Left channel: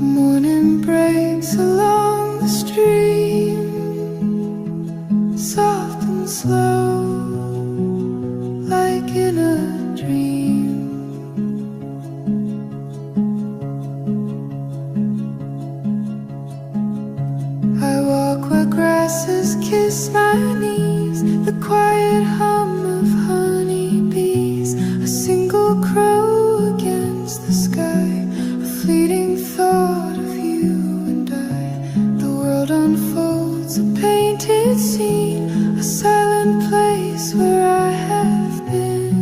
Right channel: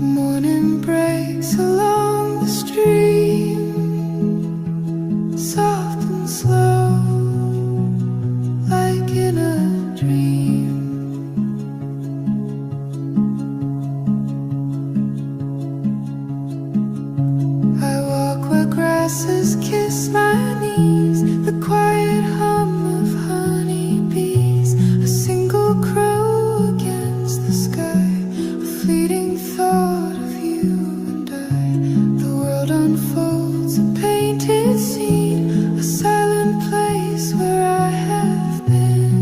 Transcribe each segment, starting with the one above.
Morning breaks along the stream, soft and slow, like in a dream. I walk where grasses kiss my knees, the quiet hum of honeybees, a single crow against the sky, a fleeting thought of you and I. The world unfolds, a painted scene, a silent place where I have been,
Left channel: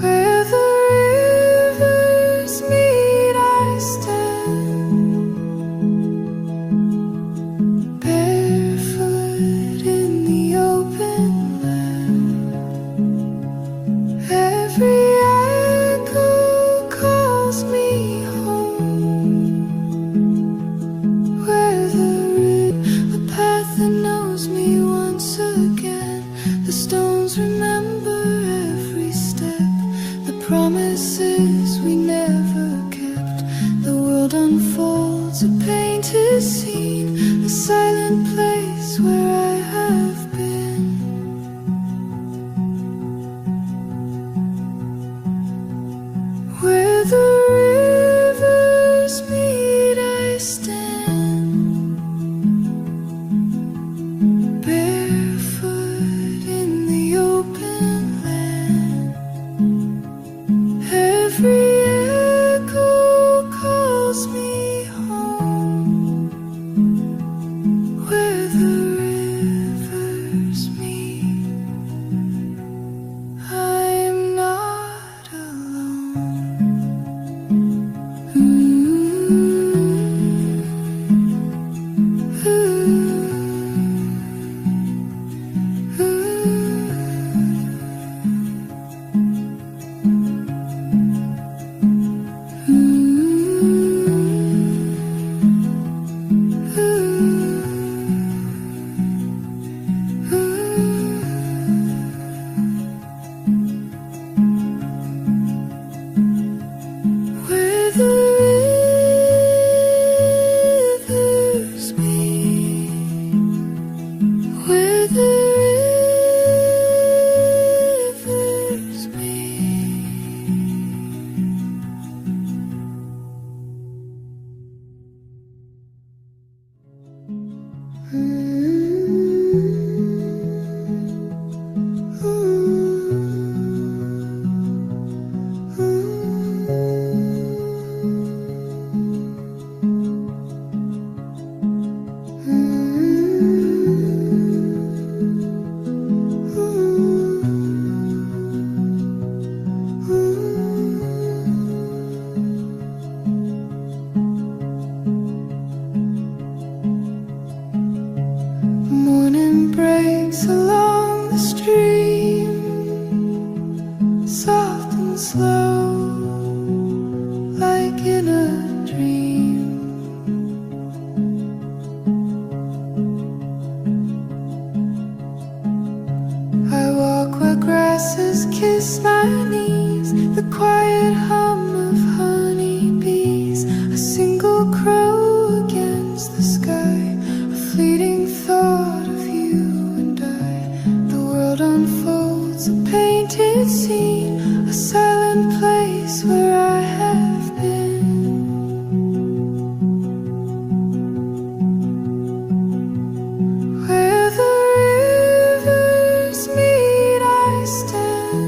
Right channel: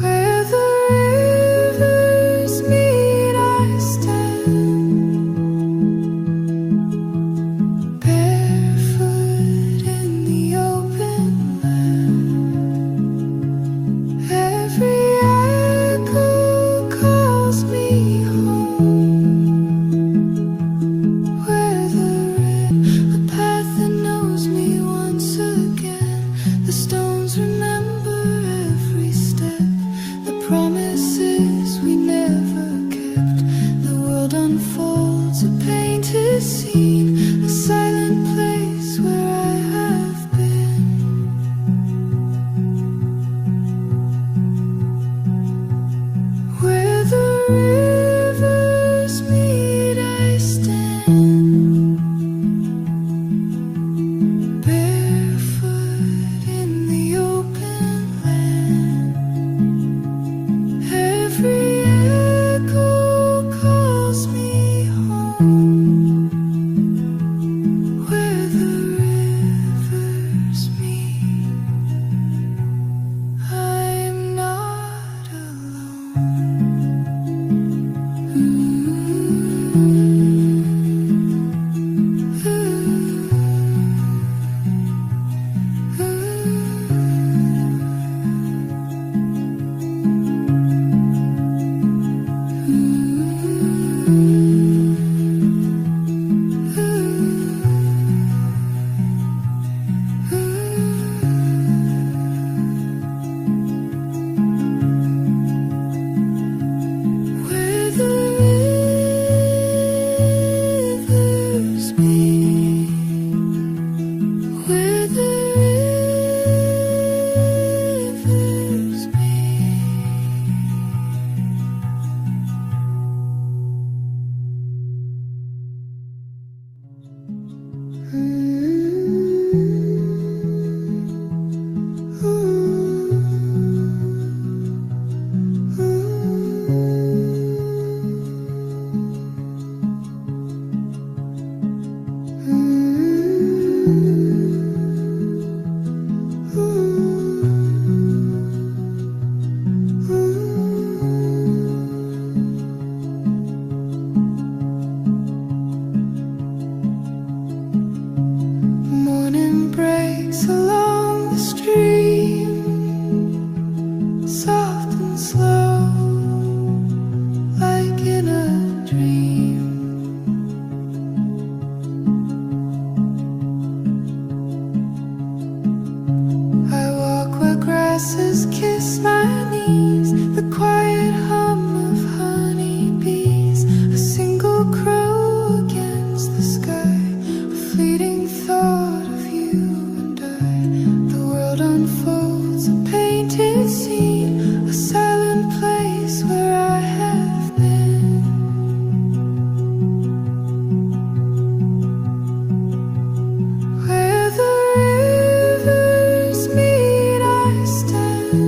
where the rivers meet I stand, barefoot in the open land. Every echo calls me home, where the path that knows me once again. The stones remember every step, the promises we never kept. The world unfolds, a painted scene, a silent place where I have been, where the rivers meet I stand, barefoot in the open land. Every echo calls me home, where the rivers meet. I'm not alone. Where the rivers meet, where the rivers meet. Morning breaks along the stream, soft and slow, like in a dream. I walk where grasses kiss my knees, the quiet hum of honeybees, a single crow against the sky, a fleeting thought of you and I. The world unfolds, a painted scene, a silent place where I have been, where the rivers meet I stand,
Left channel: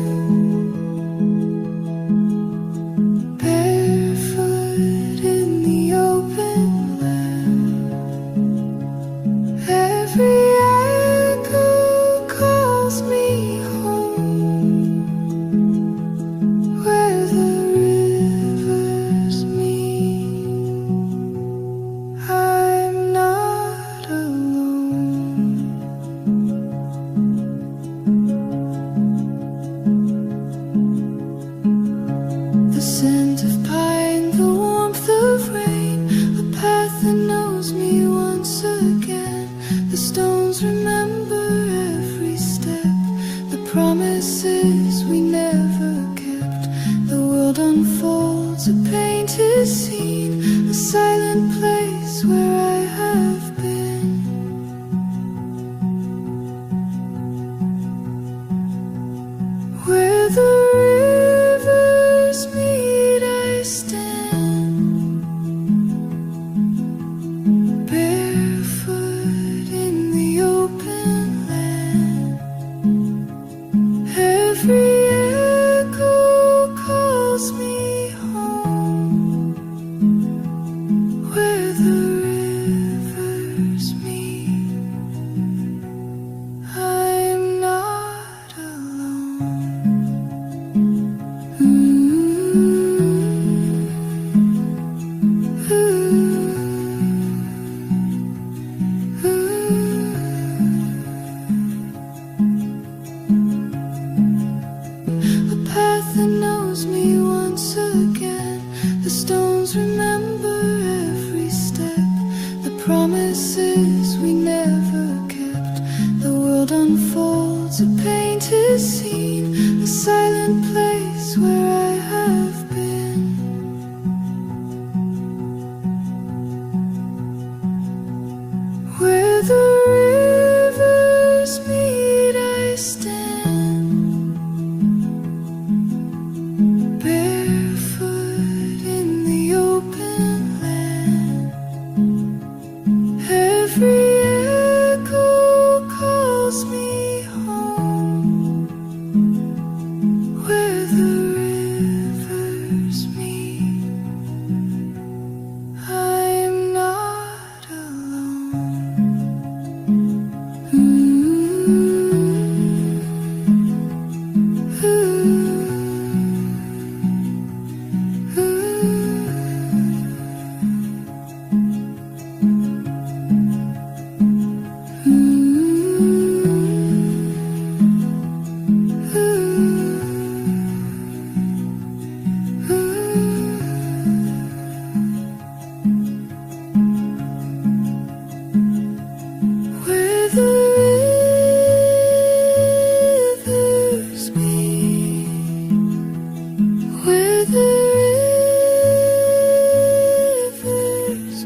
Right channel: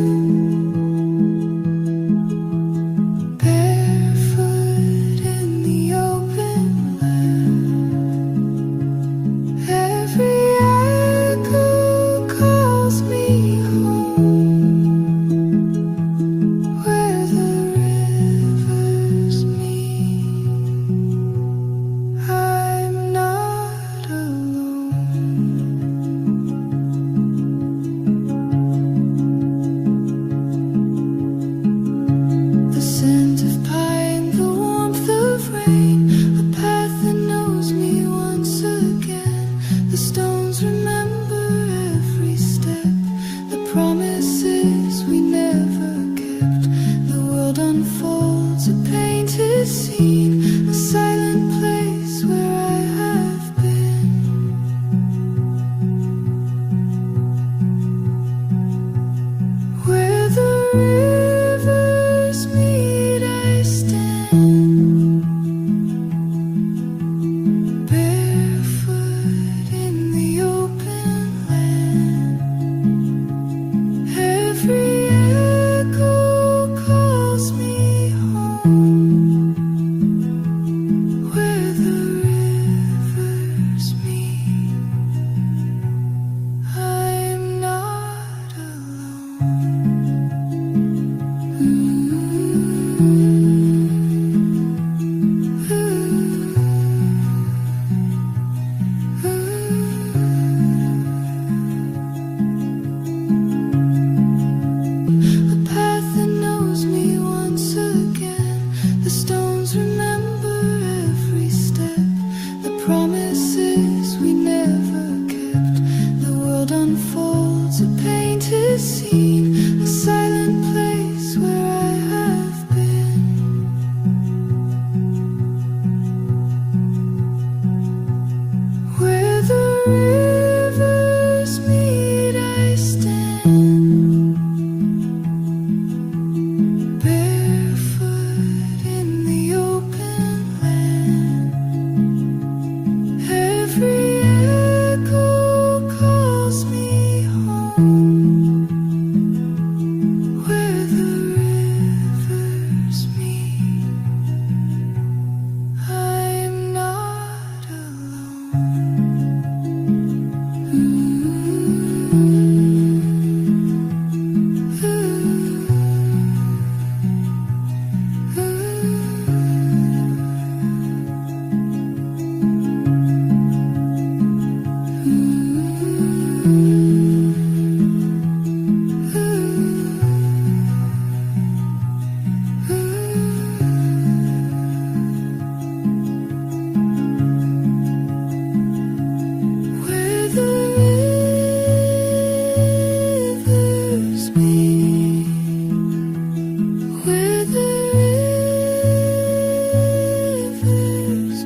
scent of pine, the warmth of rain, a path that knows me once again. The stones remember every step, the promises we never kept. The world unfolds a painted scene, a silent place where I have been. Where the rivers meet, I stand, barefoot in the open land. Every echo calls me home, where the rivers meet. I'm not alone. A path that knows me once again. The stones remember every step, the promises we never kept. The world unfolds a painted scene, a silent place where I have been. Where the rivers meet, I stand, barefoot in the open land. Every echo calls me home, where the rivers meet. I'm not alone. Where the rivers meet, where the rivers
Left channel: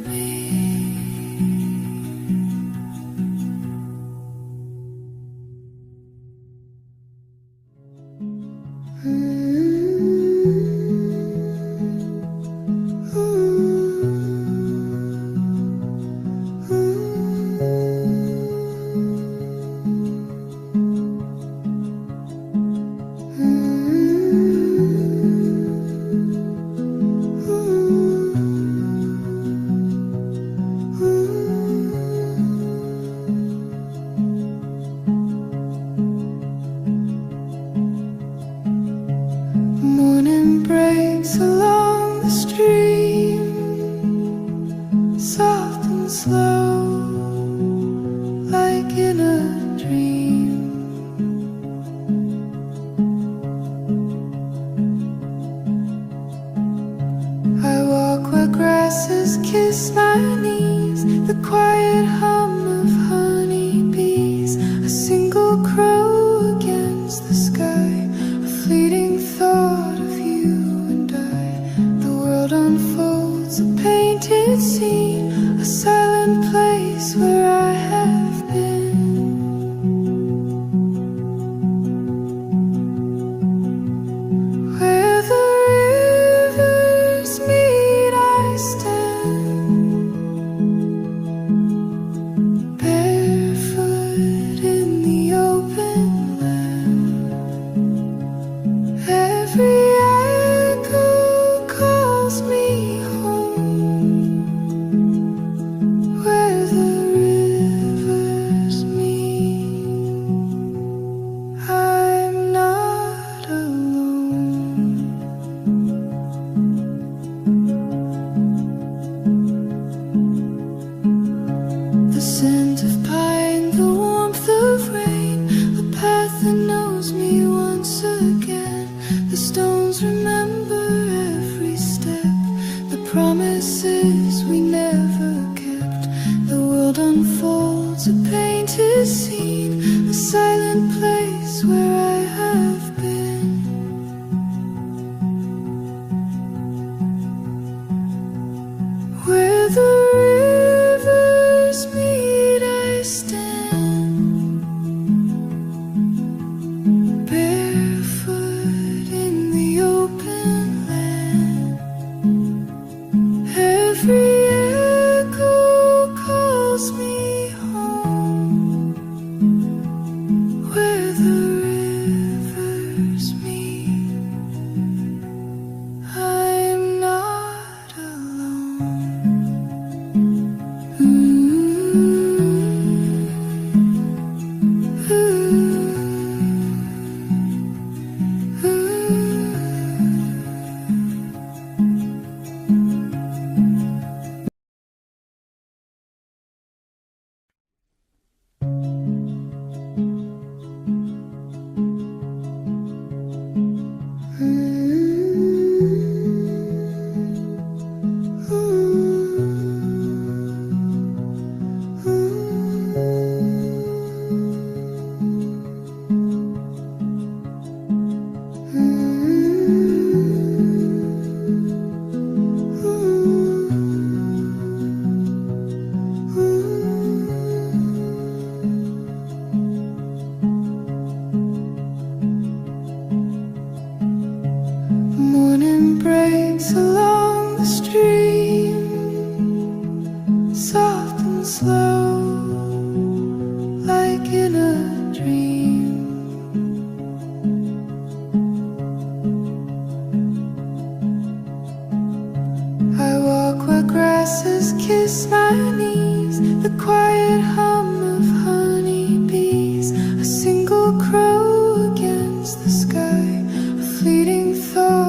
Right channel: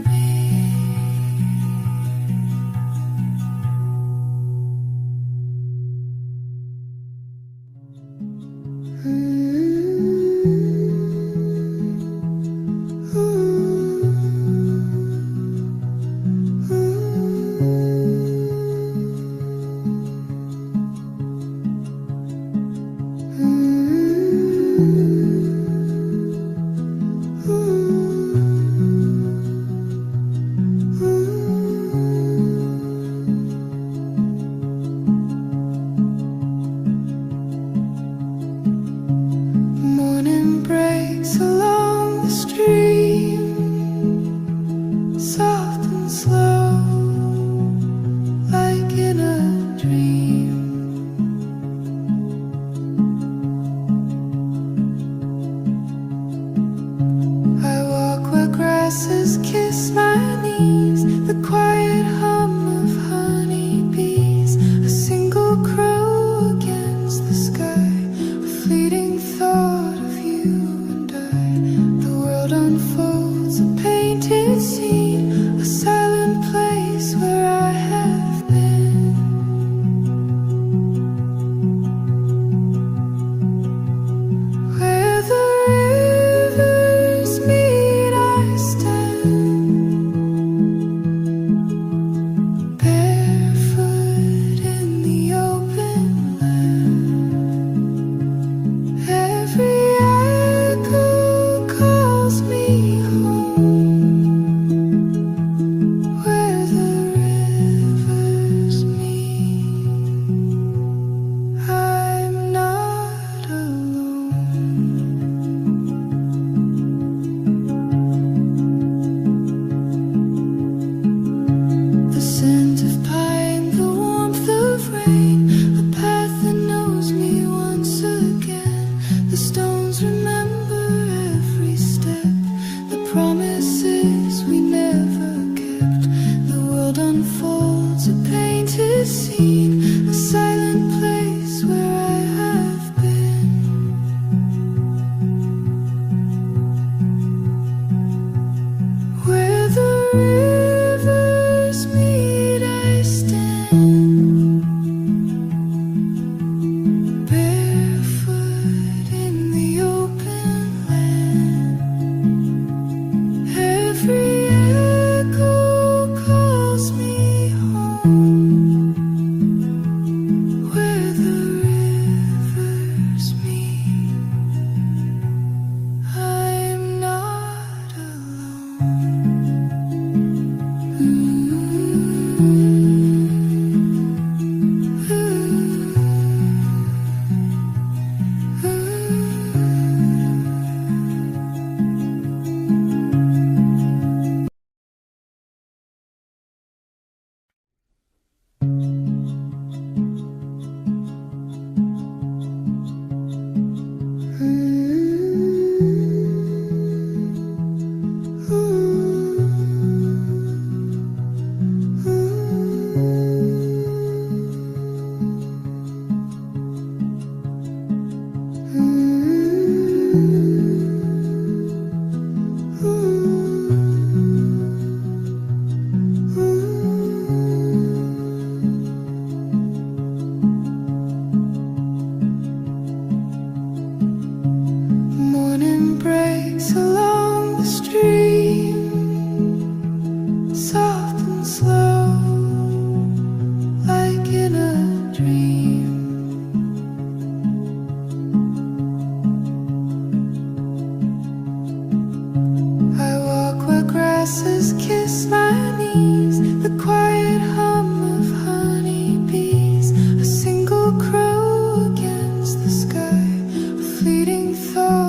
Morning breaks along the stream, soft and slow, like in a dream. I walk where grasses kiss my knees, the quiet hum of honeybees, a single crow against the sky, a fleeting thought of you and I. The world unfolds a painted scene, a silent place where I have been. Where the rivers meet, I stand, barefoot in the open land. Every echo calls me home, where the rivers meet. I'm not alone. The scent of pine, the warmth of rain, a path that knows me once again. The stones remember Morning breaks along the stream, soft and slow, like in a dream. I walk where grasses kiss my knees, the quiet hum of honeybees, a single crow against the sky, a fleeting thought